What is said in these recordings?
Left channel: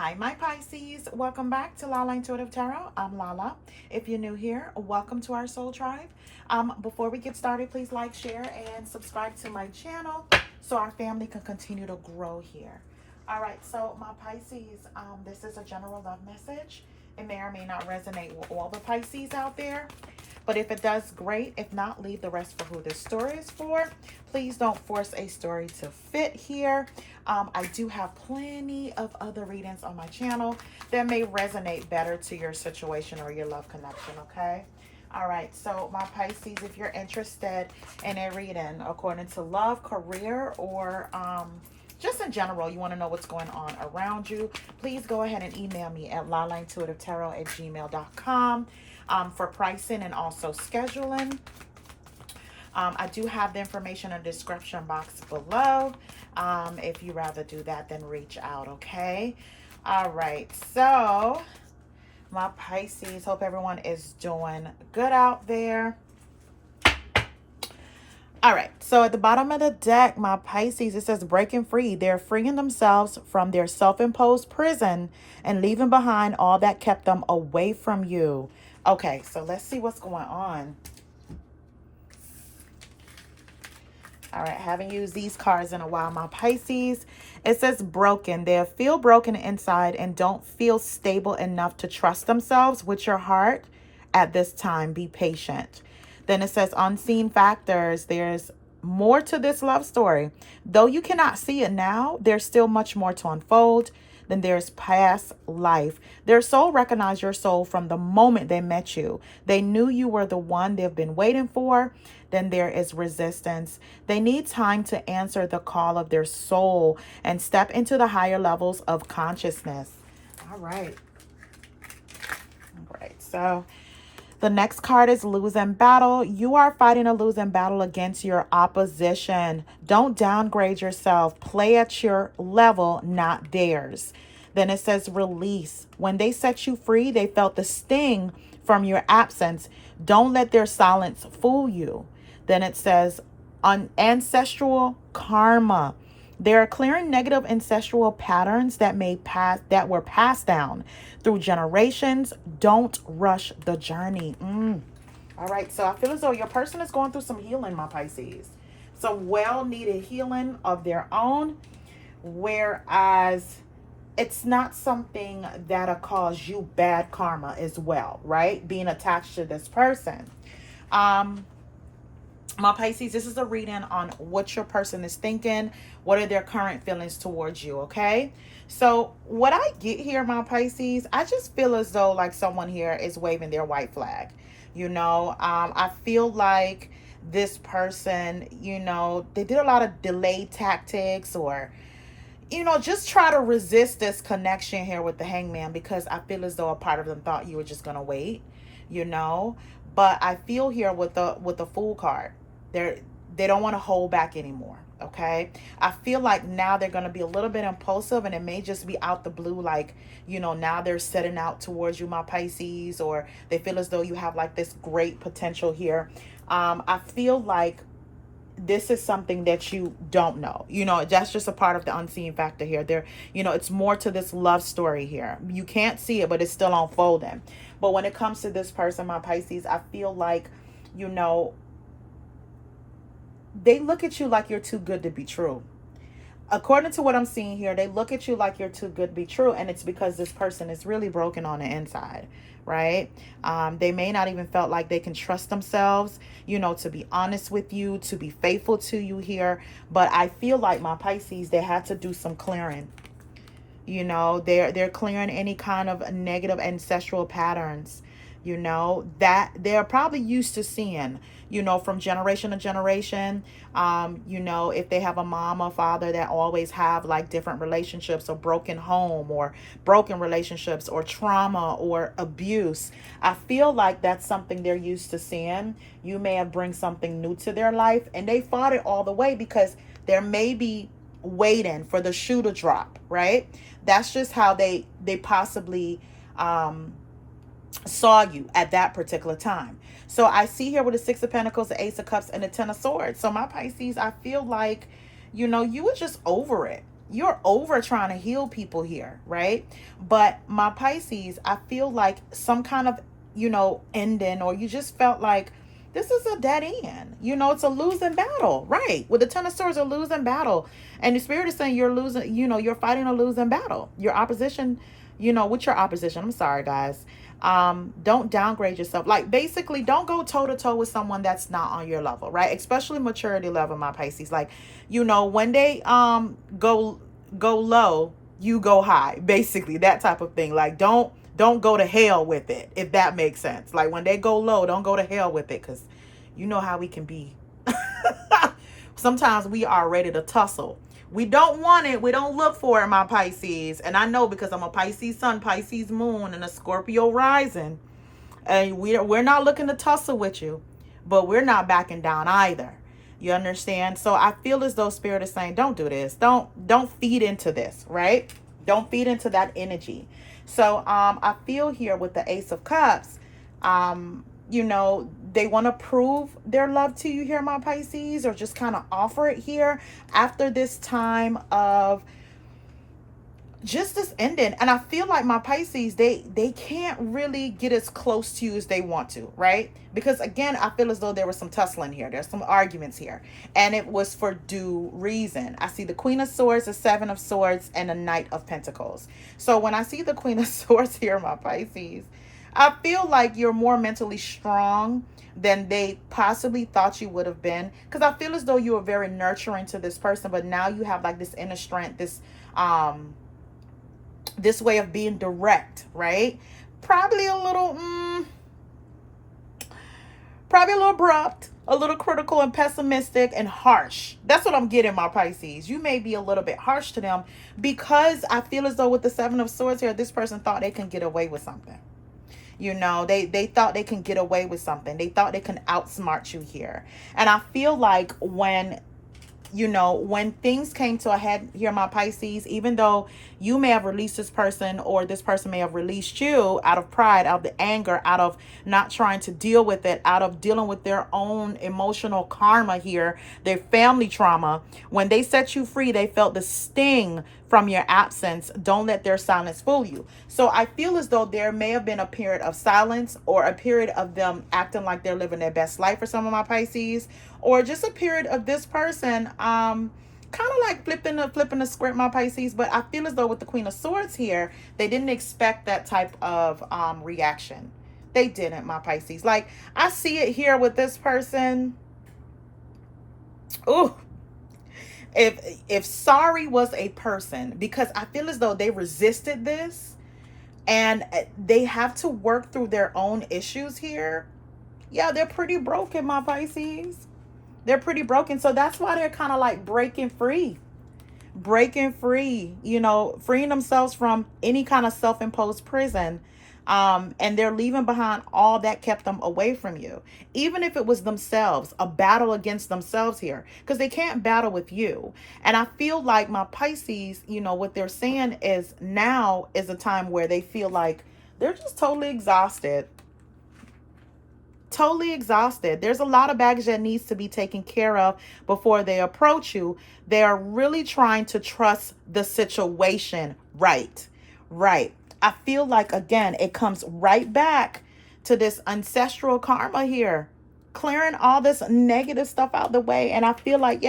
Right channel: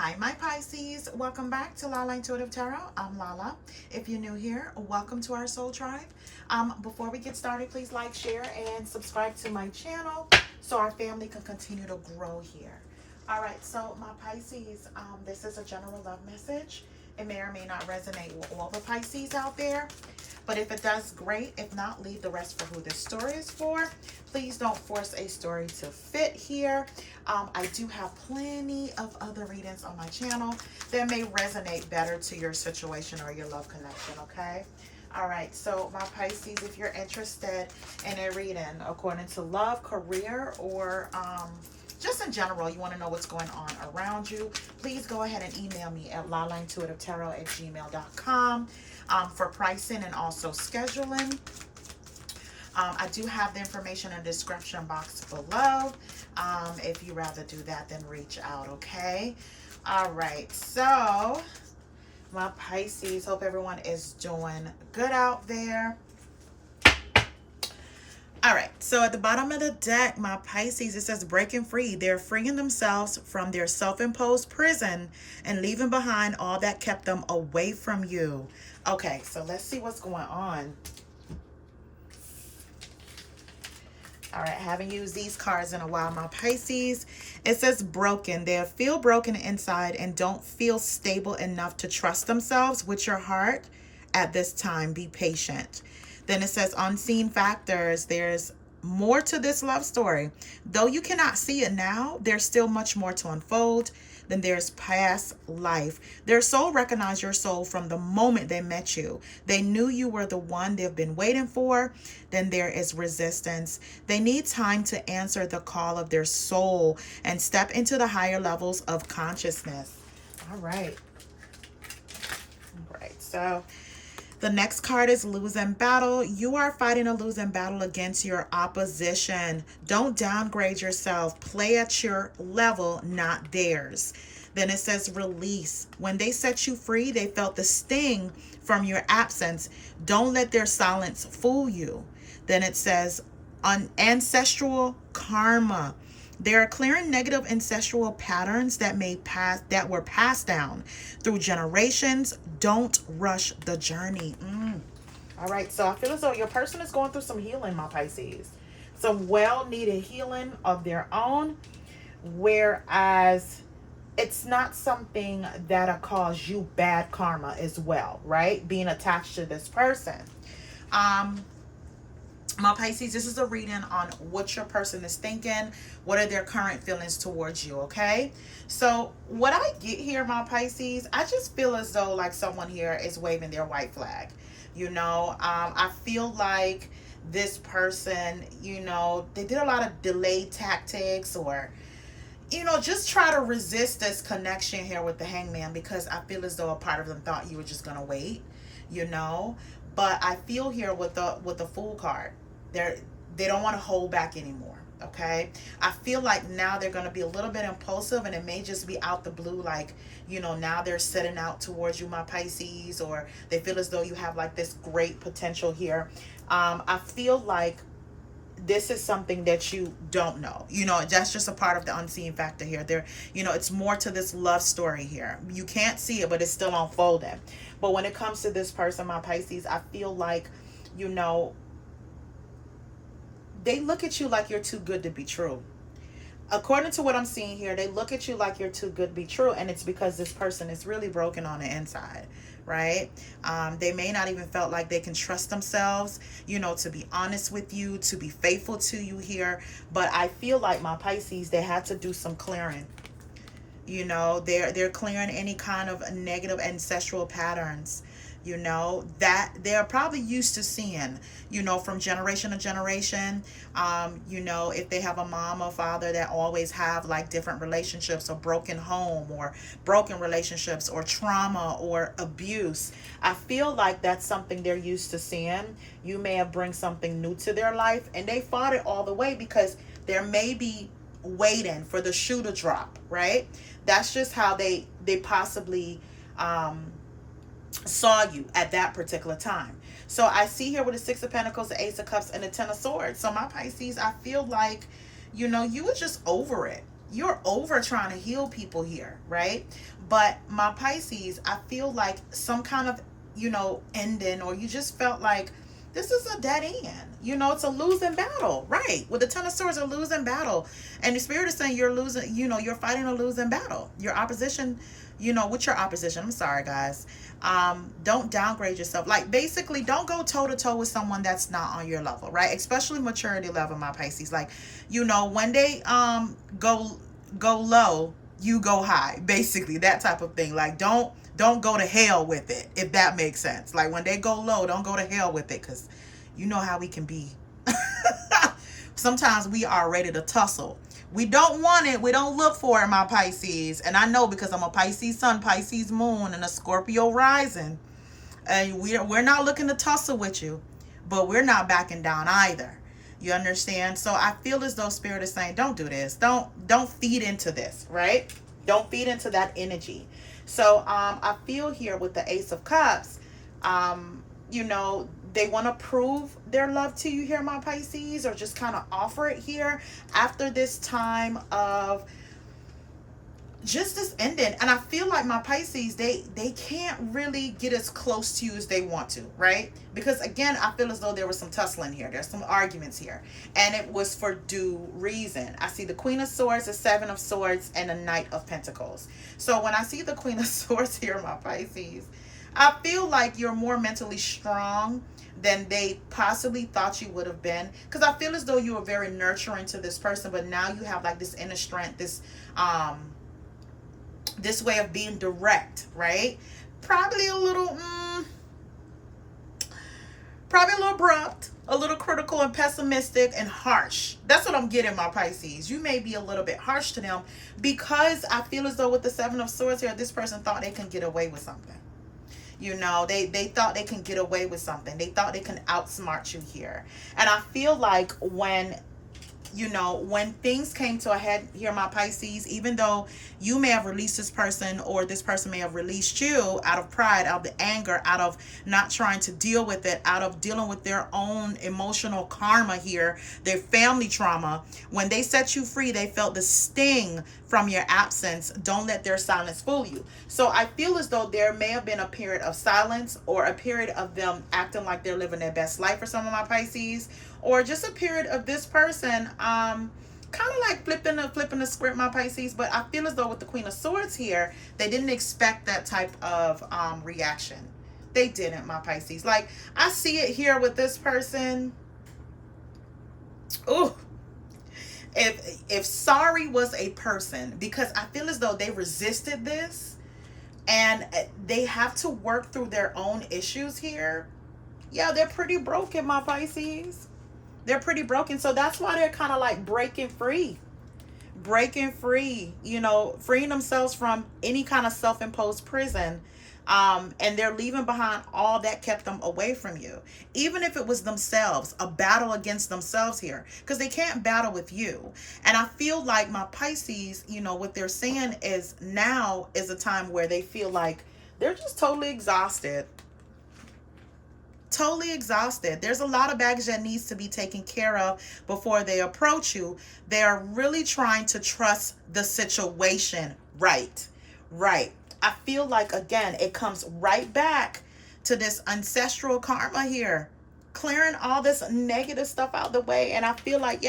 Hi, my Pisces. Welcome back to Lala Intuitive Tarot. I'm Lala. If you're new here, welcome to our soul tribe. Before we get started, please like, share, and subscribe to my channel so our family can continue to grow here. All right, so my Pisces, this is a general love message. It may or may not resonate with all the Pisces out there. But if it does, great. If not, leave the rest for who this story is for. Please don't force a story to fit here. I do have plenty of other readings on my channel that may resonate better to your situation or your love connection, okay? All right, so my Pisces, if you're interested in a reading according to love, career, or just in general, you want to know what's going on around you, please go ahead and email me at lalaintuitivetarot@gmail.com for pricing and also scheduling. I do have the information in the description box below. If you rather do that, then reach out, okay? All right, so my Pisces, hope everyone is doing good out there. All right, so at the bottom of the deck, my Pisces, it says breaking free. They're freeing themselves from their self-imposed prison and leaving behind all that kept them away from you. Okay, so let's see what's going on. All right, haven't used these cards in a while, my Pisces. It says broken. They feel broken inside and don't feel stable enough to trust themselves with your heart at this time. Be patient. Then it says unseen factors. There's more to this love story. Though you cannot see it now, there's still much more to unfold. Then there's past life. Their soul recognized your soul from the moment they met you. They knew you were the one they've been waiting for. Then there is resistance. They need time to answer the call of their soul and step into the higher levels of consciousness. All right. All right. So the next card is losing battle. You are fighting a losing battle against your opposition. Don't downgrade yourself. Play at your level, not theirs. Then it says release. When they set you free, they felt the sting from your absence. Don't let their silence fool you. Then it says ancestral karma. They are clearing negative ancestral patterns that were passed down through generations. Don't rush the journey. All right, so I feel as though your person is going through some healing, my Pisces. Some well-needed healing of their own, whereas it's not something that'll cause you bad karma as well, right? Being attached to this person. My Pisces, this is a reading on what your person is thinking. What are their current feelings towards you, okay? So what I get here, my Pisces, I just feel as though like someone here is waving their white flag. You know, I feel like this person, you know, they did a lot of delay tactics or, you know, just try to resist this connection here with the Hangman because I feel as though a part of them thought you were just going to wait, you know. But I feel here with the Fool card, they don't want to hold back anymore, okay? I feel like now they're going to be a little bit impulsive and it may just be out the blue, like, you know, now they're setting out towards you, my Pisces, or they feel as though you have like this great potential here. I feel like this is something that you don't know. You know, that's just a part of the unseen factor here. There, you know, it's more to this love story here. You can't see it, but it's still unfolding. But when it comes to this person, my Pisces, I feel like, you know, they look at you like you're too good to be true. According to what I'm seeing here, they look at you like you're too good to be true, and it's because this person is really broken on the inside, right? They may not even felt like they can trust themselves, you know, to be honest with you, to be faithful to you here. But I feel like my Pisces, they had to do some clearing. You know, they're clearing any kind of negative ancestral patterns, you know, that they're probably used to seeing, you know, from generation to generation. You know, if they have a mom or father that always have like different relationships or broken home or broken relationships or trauma or abuse, I feel like that's something they're used to seeing. You may have bring something new to their life and they fought it all the way because there may be waiting for the shoe to drop, right? That's just how they possibly saw you at that particular time. So I see here with the Six of Pentacles, the Ace of Cups, and the Ten of Swords. So my Pisces, I feel like, you know, you were just over it. you're over trying to heal people here, right? But my Pisces, I feel like some kind of, ending, or you just felt like this is a dead end. It's a losing battle, right? With the Ten of Swords, a losing battle. And the Spirit is saying you're losing, you're fighting a losing battle. Your opposition, with your opposition, I'm sorry, guys. Don't downgrade yourself. Like, basically, don't go toe to toe with someone that's not on your level, right? Especially maturity level, my Pisces. Like, when they go low, you go high, basically, that type of thing. Like, don't go to hell with it, if that makes sense. Like, when they go low, don't go to hell with it, because you know how we can be. Sometimes we are ready to tussle. We don't want it. We don't look for it, my Pisces. And I know, because I'm a Pisces sun, Pisces moon, and a Scorpio rising. And we're not looking to tussle with you, but we're not backing down either. You understand? So I feel as though Spirit is saying, don't do this. Don't feed into this, right? Don't feed into that energy. So I feel here with the Ace of Cups, they want to prove their love to you here, my Pisces, or just kind of offer it here after this time of just this ending. And I feel like my Pisces, they can't really get as close to you as they want to, right? Because again, I feel as though there was some tussling here. There's some arguments here, and it was for due reason. I see the Queen of Swords, the Seven of Swords, and the Knight of Pentacles. So when I see the Queen of Swords here, my Pisces, I feel like you're more mentally strong than they possibly thought you would have been. Because I feel as though you were very nurturing to this person, but now you have like this inner strength, this way of being direct, right? Probably a little abrupt, a little critical and pessimistic and harsh. That's what I'm getting, my Pisces. You may be a little bit harsh to them, because I feel as though with the Seven of Swords here, this person thought they can get away with something. They thought they can get away with something. They thought they can outsmart you here. And I feel like when things came to a head here, my Pisces, even though you may have released this person, or this person may have released you out of pride, out of the anger, out of not trying to deal with it, out of dealing with their own emotional karma here, their family trauma, when they set you free, they felt the sting from your absence. Don't let their silence fool you. So I feel as though there may have been a period of silence, or a period of them acting like they're living their best life for some of my Pisces, or just a period of this person kind of like flipping the script, my Pisces. But I feel as though with the Queen of Swords here, they didn't expect that type of reaction. They didn't, my Pisces. Like, I see it here with this person. Ooh. If sorry was a person, because I feel as though they resisted this, and they have to work through their own issues here. Yeah, they're pretty broken, my Pisces. They're pretty broken. So that's why they're kind of like breaking free, freeing themselves from any kind of self-imposed prison. And they're leaving behind all that kept them away from you. Even if it was themselves, a battle against themselves here, because they can't battle with you. And I feel like my Pisces, what they're saying is now is a time where they feel like they're just totally exhausted. Totally exhausted. There's a lot of baggage that needs to be taken care of before they approach you. They are really trying to trust the situation. Right. I feel like, again, it comes right back to this ancestral karma here, clearing all this negative stuff out the way. And I feel like,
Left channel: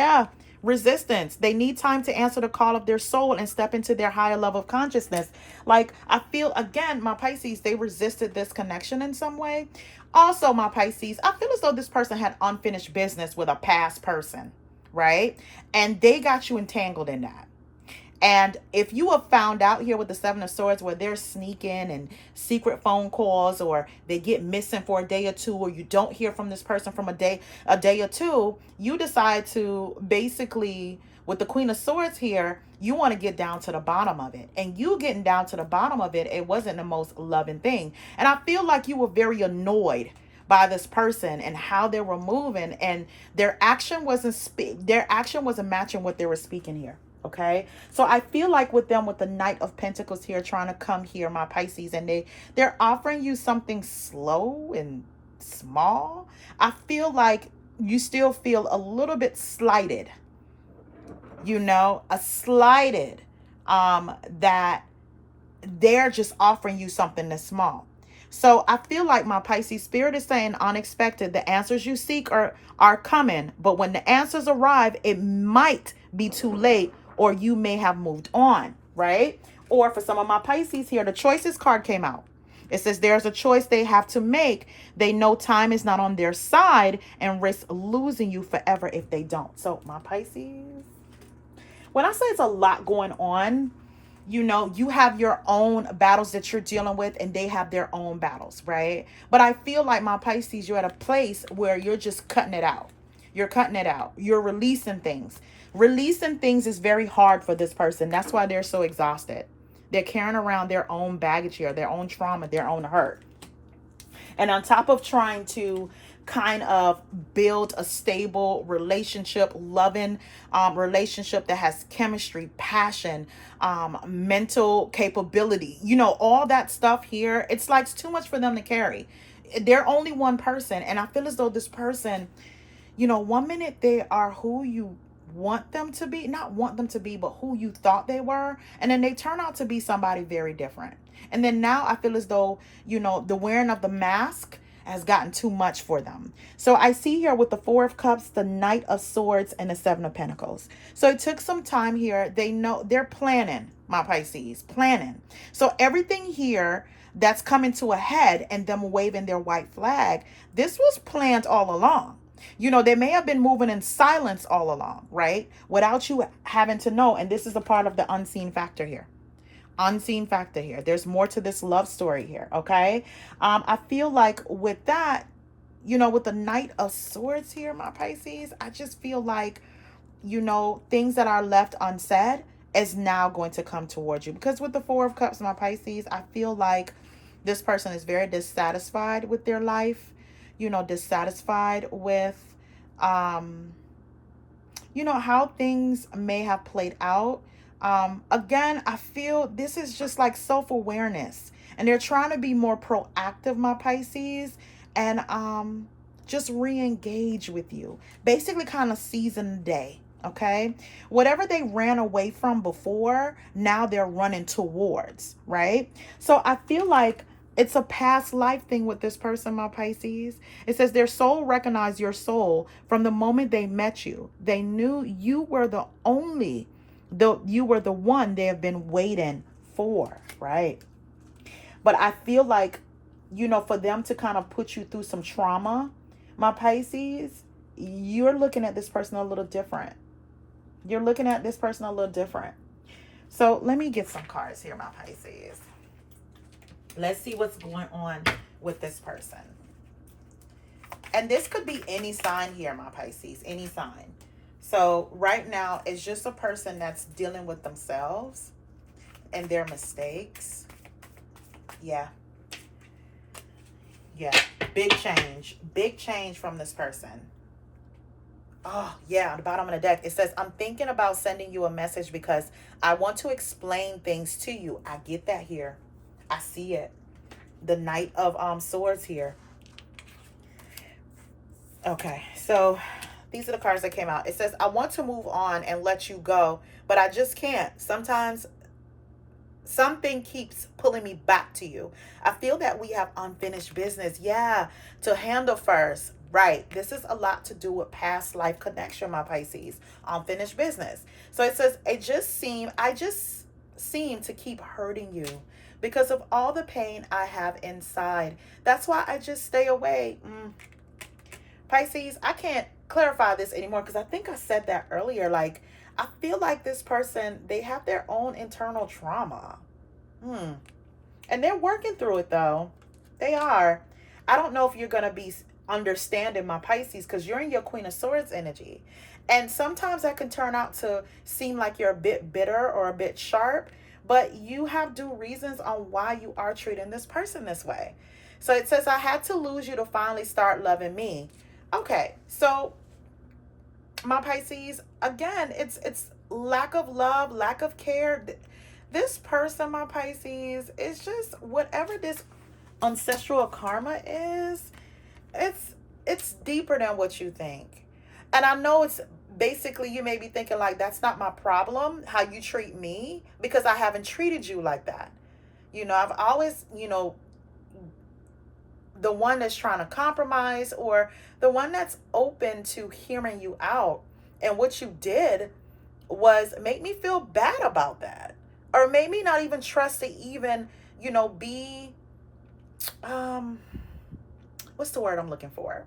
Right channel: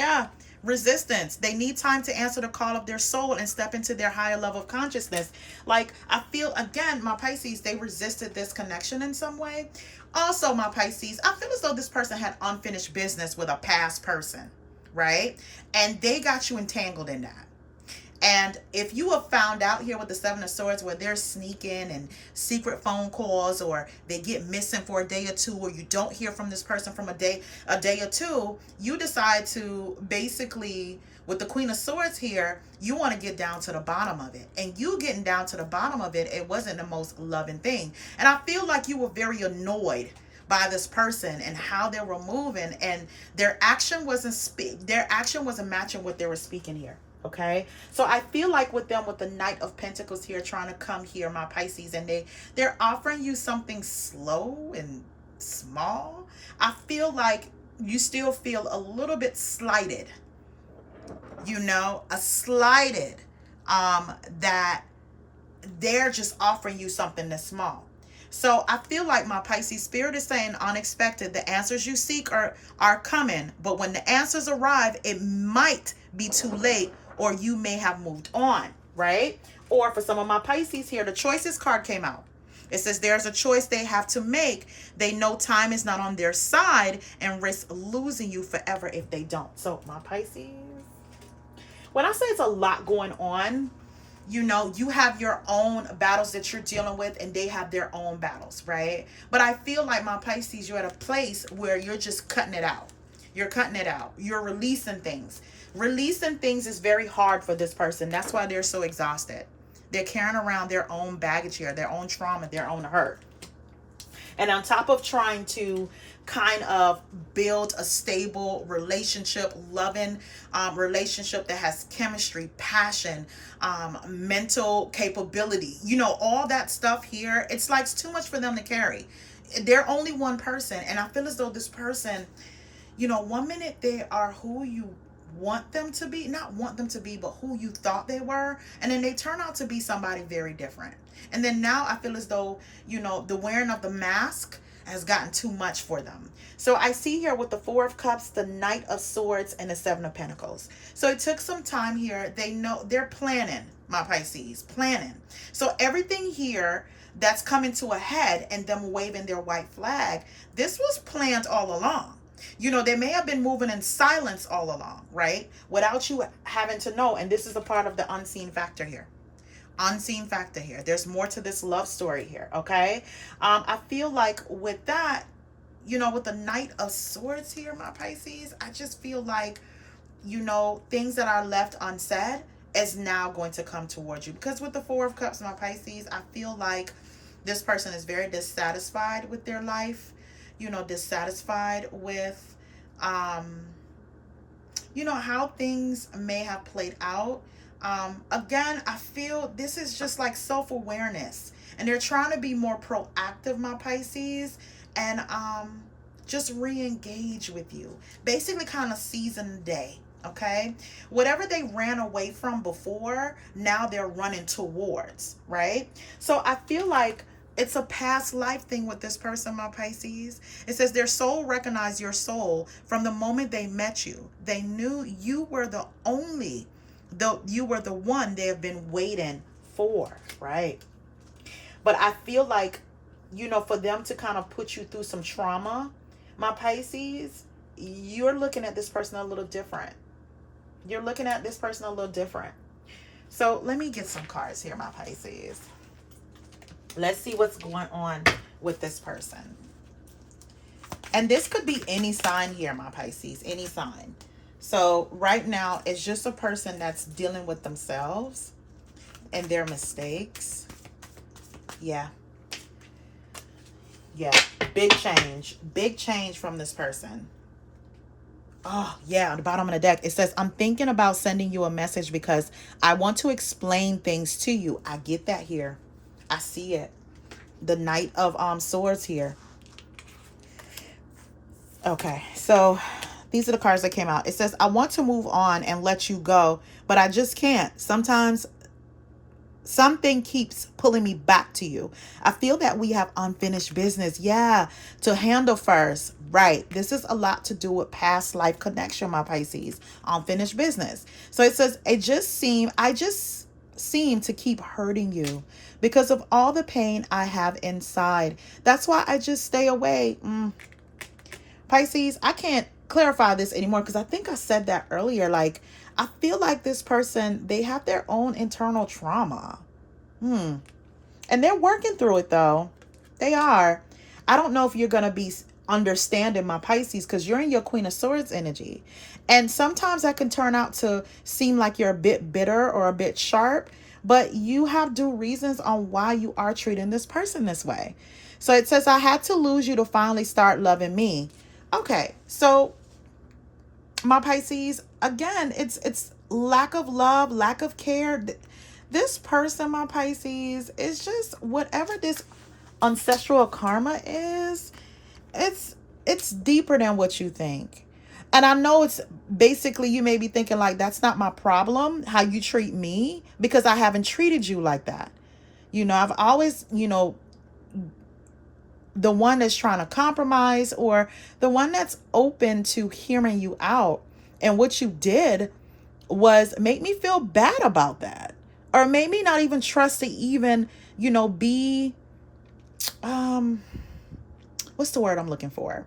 resistance. They need time to answer the call of their soul and step into their higher level of consciousness. Like, I feel, again, my Pisces, they resisted this connection in some way. Also, my Pisces, I feel as though this person had unfinished business with a past person, right? And they got you entangled in that. And if you have found out here with the Seven of Swords where they're sneaking and secret phone calls, or they get missing for a day or two, or you don't hear from this person from a day or two, you decide to basically, with the Queen of Swords here, you want to get down to the bottom of it. And you getting down to the bottom of it, it wasn't the most loving thing. And I feel like you were very annoyed by this person and how they were moving, and their action wasn't matching what they were speaking here. Okay, so I feel like with them, with the Knight of Pentacles here trying to come here, my Pisces, and they're offering you something slow and small. I feel like you still feel a little bit slighted. you know, a slighted, that they're just offering you something that's small. So I feel like my Pisces spirit is saying unexpected. The answers you seek are coming, but when the answers arrive, it might be too late, or you may have moved on, right? Or for some of my Pisces here, the choices card came out. It says there's a choice they have to make. They know time is not on their side and risk losing you forever if they don't. So my Pisces, when I say it's a lot going on, you know, you have your own battles that you're dealing with and they have their own battles, right? But I feel like my Pisces, you're at a place where you're just cutting it out. You're cutting it out. You're releasing things. Releasing things is very hard for this person. That's why they're so exhausted. They're carrying around their own baggage here, their own trauma, their own hurt. And on top of trying to kind of build a stable relationship, loving relationship that has chemistry, passion, mental capability, you know, all that stuff here, it's like it's too much for them to carry. They're only one person. And I feel as though this person, you know, one minute they are who you want them to be, not want them to be, but who you thought they were. And then they turn out to be somebody very different. And then now I feel as though, you know, the wearing of the mask has gotten too much for them. So I see here with the Four of Cups, the Knight of Swords, and the Seven of Pentacles. So it took some time here. They know they're planning, my Pisces, planning. So everything here that's coming to a head and them waving their white flag, this was planned all along. You know, they may have been moving in silence all along, right? Without you having to know. And this is a part of the unseen factor here. Unseen factor here. There's more to this love story here, okay? I feel like with that, you know, with the Knight of Swords here, my Pisces, I just feel like, you know, things that are left unsaid is now going to come towards you. Because with the Four of Cups, my Pisces, I feel like this person is very dissatisfied with their life, you know, dissatisfied with, you know, how things may have played out. Again, I feel this is just like self-awareness, and they're trying to be more proactive, my Pisces, and just re-engage with you. Basically kind of season the day, okay? Whatever they ran away from before, now they're running towards, right? So I feel like it's a past life thing with this person, my Pisces. It says their soul recognized your soul from the moment they met you. They knew you were the you were the one they have been waiting for, right? But I feel like, you know, for them to kind of put you through some trauma, my Pisces, you're looking at this person a little different. You're looking at this person a little different. So let me get some cards here, my Pisces. Let's see what's going on with this person. And this could be any sign here, my Pisces, any sign. So right now, it's just a person that's dealing with themselves and their mistakes. Yeah. Yeah. Big change from this person. Oh, yeah. On the bottom of the deck, it says, I'm thinking about sending you a message because I want to explain things to you. I get that here. I see it. The Knight of Swords here. Okay, so these are the cards that came out. It says, I want to move on and let you go, but I just can't. Sometimes something keeps pulling me back to you. I feel that we have unfinished business, yeah, to handle first. Right. This is a lot to do with past life connection, my Pisces. Unfinished business. So it says, I just seem to keep hurting you because of all the pain I have inside. That's why I just stay away. Pisces, I can't clarify this anymore because I think I said that earlier. Like, I feel like this person, they have their own internal trauma. And they're working through it, though. They are. I don't know if you're going to be understanding, my Pisces, because you're in your Queen of Swords energy. And sometimes that can turn out to seem like you're a bit bitter or a bit sharp, but you have due reasons on why you are treating this person this way. So it says, I had to lose you to finally start loving me. Okay, so my Pisces, again, it's lack of love, lack of care. This person, my Pisces, is just whatever this ancestral karma is, it's deeper than what you think. And I know it's basically, you may be thinking like, that's not my problem, how you treat me, because I haven't treated you like that. I've always, the one that's trying to compromise, or the one that's open to hearing you out. And what you did was make me feel bad about that, or made me not even trust to even, be, what's the word I'm looking for?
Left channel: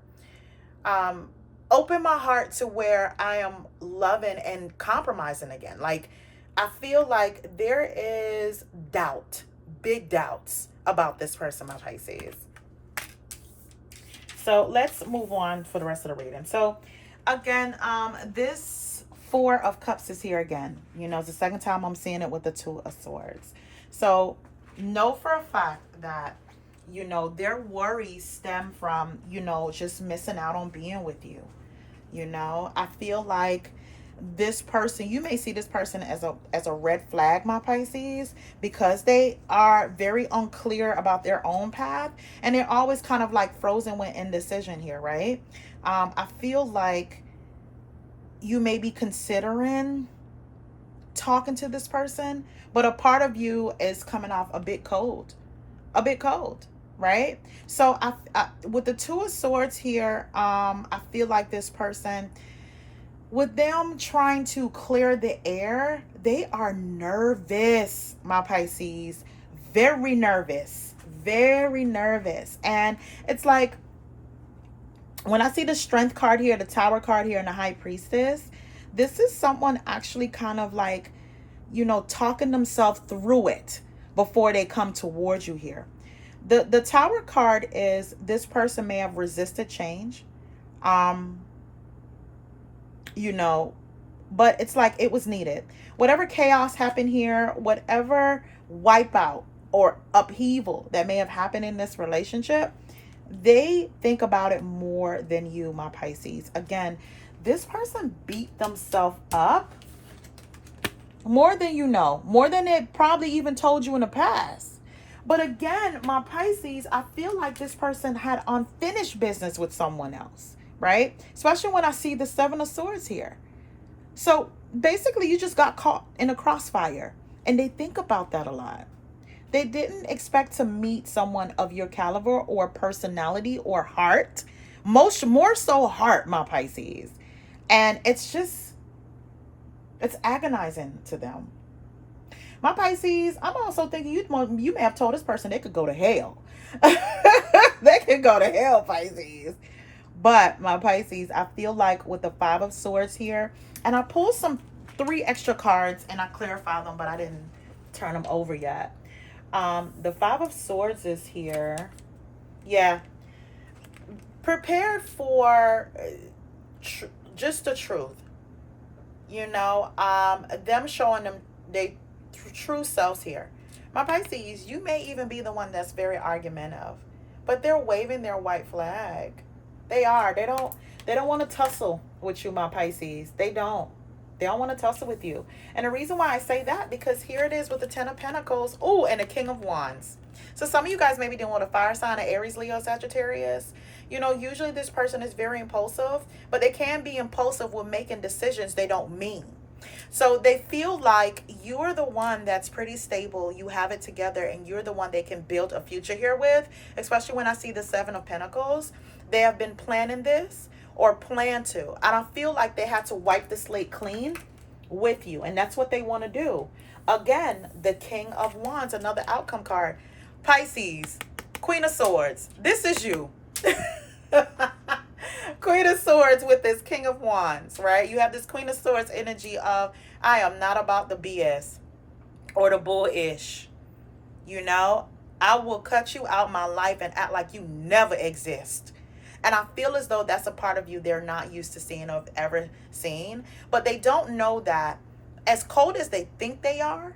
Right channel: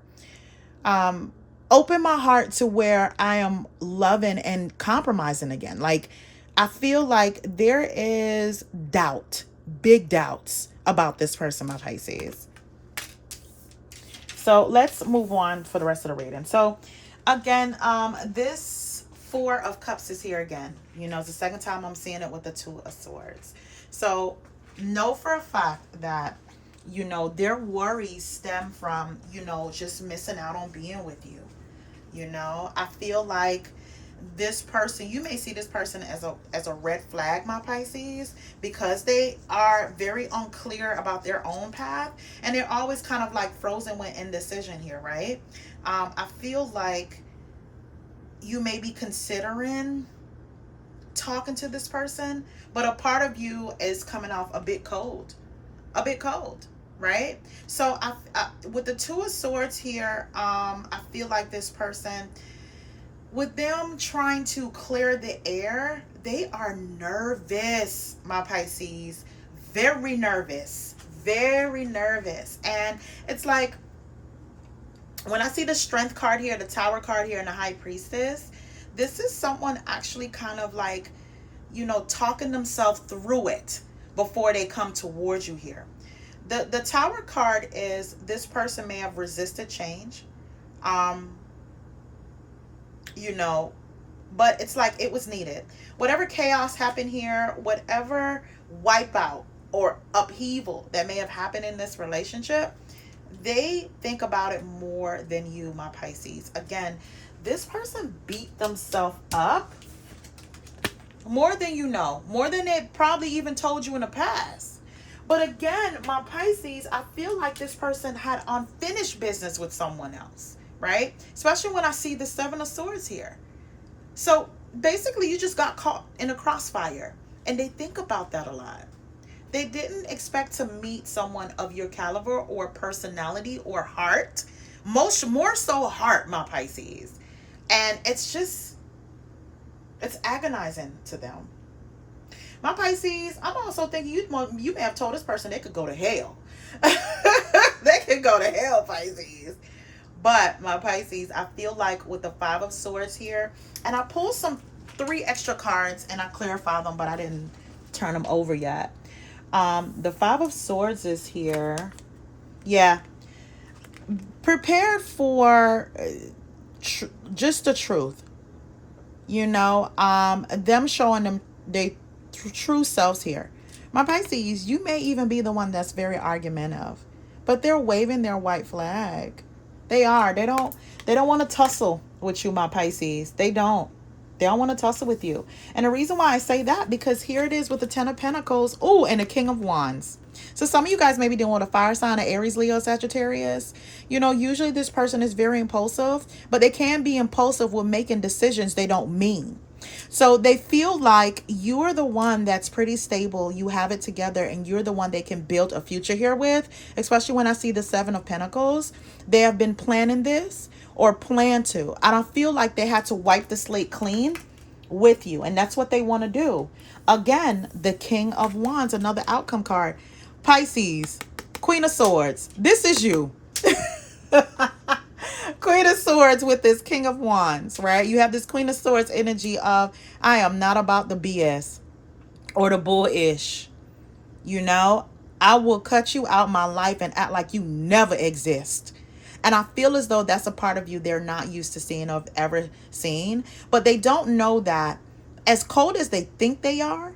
Um, Open my heart to where I am loving and compromising again. Like, I feel like there is doubt, big doubts about this person, my Pisces. So let's move on for the rest of the reading. So again, this Four of Cups is here again. It's the second time I'm seeing it with the Two of Swords. So know for a fact that, their worries stem from, just missing out on being with you. I feel like this person, you may see this person as a red flag, my Pisces, because they are very unclear about their own path, and they're always kind of like frozen with indecision here, right? I feel like you may be considering talking to this person, but a part of you is coming off a bit cold, right? So with the Two of Swords here, I feel like this person, with them trying to clear the air, they are nervous, my Pisces. Very nervous. Very nervous. And it's like, when I see the Strength card here, the Tower card here, and the High Priestess, this is someone actually kind of like, talking themselves through it before they come towards you here. The Tower card is, this person may have resisted change. But it's like it was needed. Whatever chaos happened here, whatever wipeout or upheaval that may have happened in this relationship, they think about it more than you, my Pisces. Again, this person beat themselves up more than more than it probably even told you in the past. But again, my Pisces, I feel like this person had unfinished business with someone else, right? Especially when I see the Seven of Swords here. So basically, you just got caught in a crossfire, and they think about that a lot. They didn't expect to meet someone of your caliber or personality or heart, more so heart, my Pisces. And it's agonizing to them. My Pisces, I'm also thinking you may have told this person they could go to hell. They could go to hell, Pisces. But my Pisces, I feel like with the Five of Swords here, and I pulled 3 extra cards and I clarified them, but I didn't turn them over yet. The Five of Swords is here. Yeah. Prepare for just the truth. Them showing them they true selves here. My Pisces, you may even be the one that's very argumentative, but they're waving their white flag. They are. They don't want to tussle with you, my Pisces. They don't want to tussle with you. And the reason why I say that, because here it is with the Ten of Pentacles. Oh, and the King of Wands. So some of you guys may be dealing with a fire sign of Aries, Leo, Sagittarius. Usually this person is very impulsive, but they can be impulsive with making decisions they don't mean. So they feel like you're the one that's pretty stable, you have it together, and you're the one they can build a future here with, especially when I see the Seven of Pentacles. They have been planning this or plan to. I don't feel like they had to wipe the slate clean with you, and that's what they want to do. Again, the King of Wands, another outcome card. Pisces, Queen of Swords. This is you. Queen of Swords with this King of Wands, right? You have this Queen of Swords energy of, I am not about the BS or the bullish. I will cut you out my life and act like you never exist. And I feel as though that's a part of you they're not used to seeing or have ever seen. But they don't know that as cold as they think they are,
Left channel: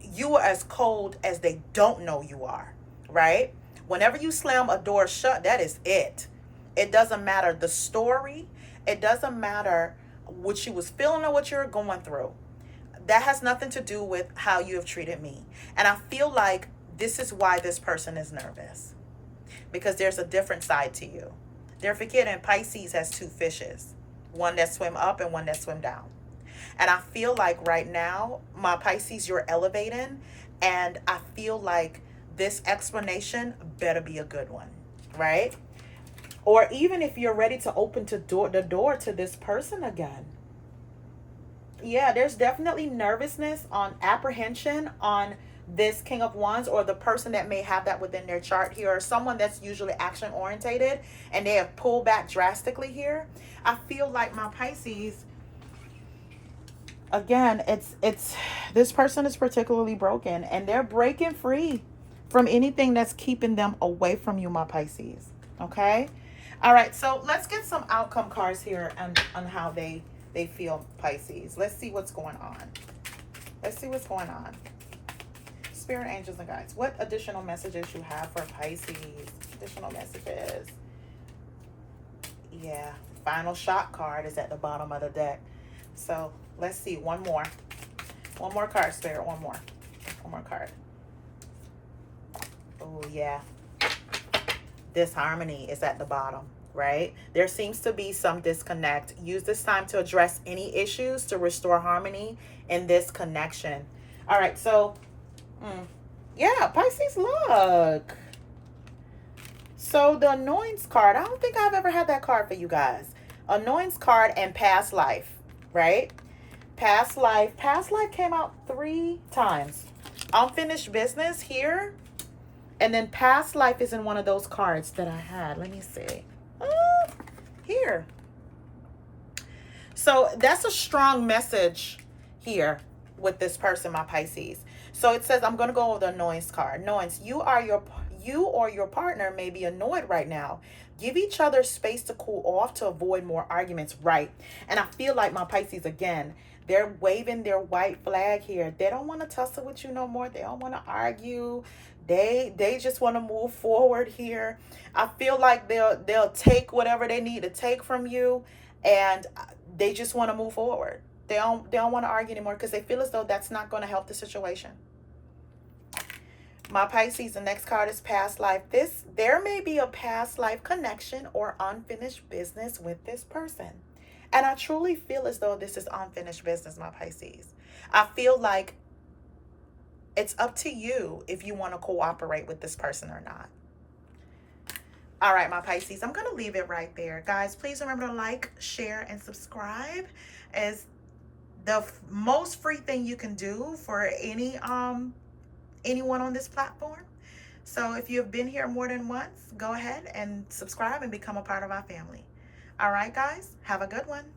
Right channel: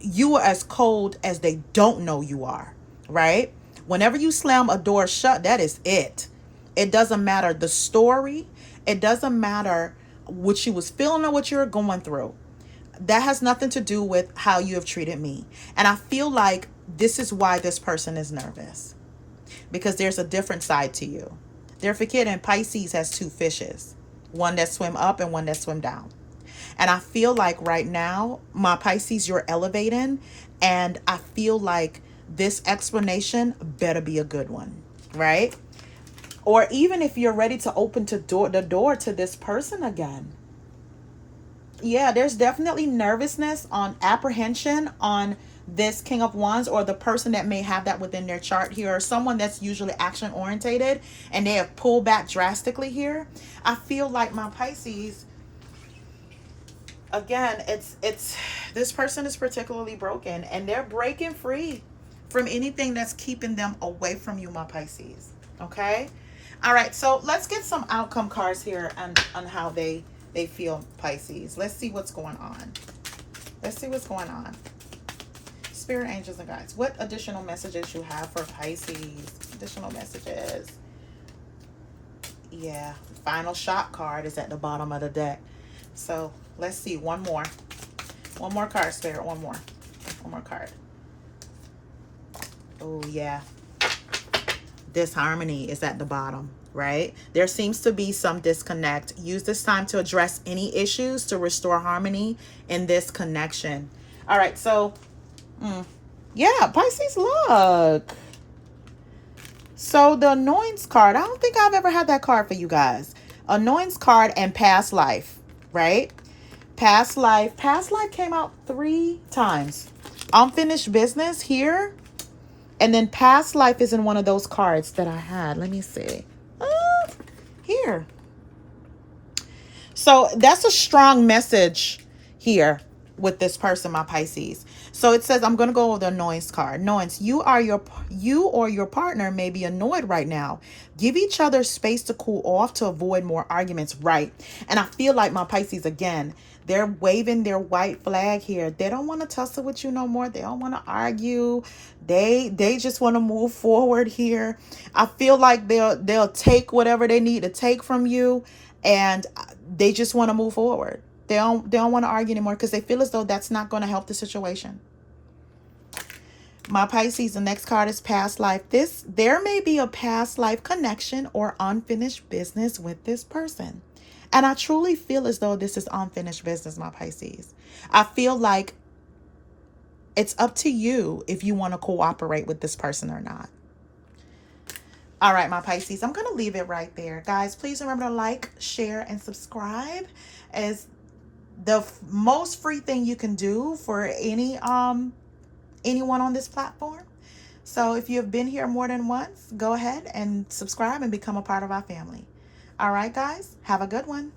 you are as cold as they don't know you are, right? Whenever you slam a door shut, that is it. It doesn't matter the story. It doesn't matter what you was feeling or what you're going through. That has nothing to do with how you have treated me. And I feel like this is why this person is nervous. Because there's a different side to you. They're forgetting Pisces has 2 fishes. one that swim up and one that swim down. And I feel like right now, my Pisces, you're elevating. And I feel like this explanation better be a good one, right? Or even if you're ready to open the door to this person again. Yeah, there's definitely nervousness, on apprehension on this King of Wands, or the person that may have that within their chart here, or someone that's usually action orientated and they have pulled back drastically here. I feel like my Pisces, again, it's this person is particularly broken and they're breaking free from anything that's keeping them away from you, my Pisces. Okay. All right, so let's get some outcome cards here on how they feel, Pisces. Let's see what's going on. Let's see what's going on. Spirit, angels, and guides, what additional messages you have for Pisces? Additional messages. Yeah, final shot card is at the bottom of the deck. So let's see, one more card, Spirit. One more card. Oh yeah, disharmony is at the bottom, right? There seems to be some disconnect. Use this time to address any issues to restore harmony in this connection. All right, so yeah, Pisces, look. So the annoyance card, I don't think I've ever had that card for you guys. Annoyance card and past life, right? Past life came out 3 times. Unfinished business here. And then past life is in one of those cards that I had. Let me see. Here. So that's a strong message here with this person, my Pisces. So it says, I'm going to go over the annoyance card. Annoyance, you or your partner may be annoyed right now. Give each other space to cool off to avoid more arguments, right? And I feel like my Pisces, again, they're waving their white flag here. They don't want to tussle with you no more. They don't want to argue. They just want to move forward here. I feel like they'll take whatever they need to take from you, and they just want to move forward. They don't want to argue anymore because they feel as though that's not going to help the situation. My Pisces, the next card is past life. There may be a past life connection or unfinished business with this person. And I truly feel as though this is unfinished business, my Pisces. I feel like it's up to you if you want to cooperate with this person or not. All right, my Pisces, I'm going to leave it right there. Guys, please remember to like, share, and subscribe, as the most free thing you can do for anyone on this platform. So if you've been here more than once, go ahead and subscribe and become a part of our family. All right, guys, have a good one.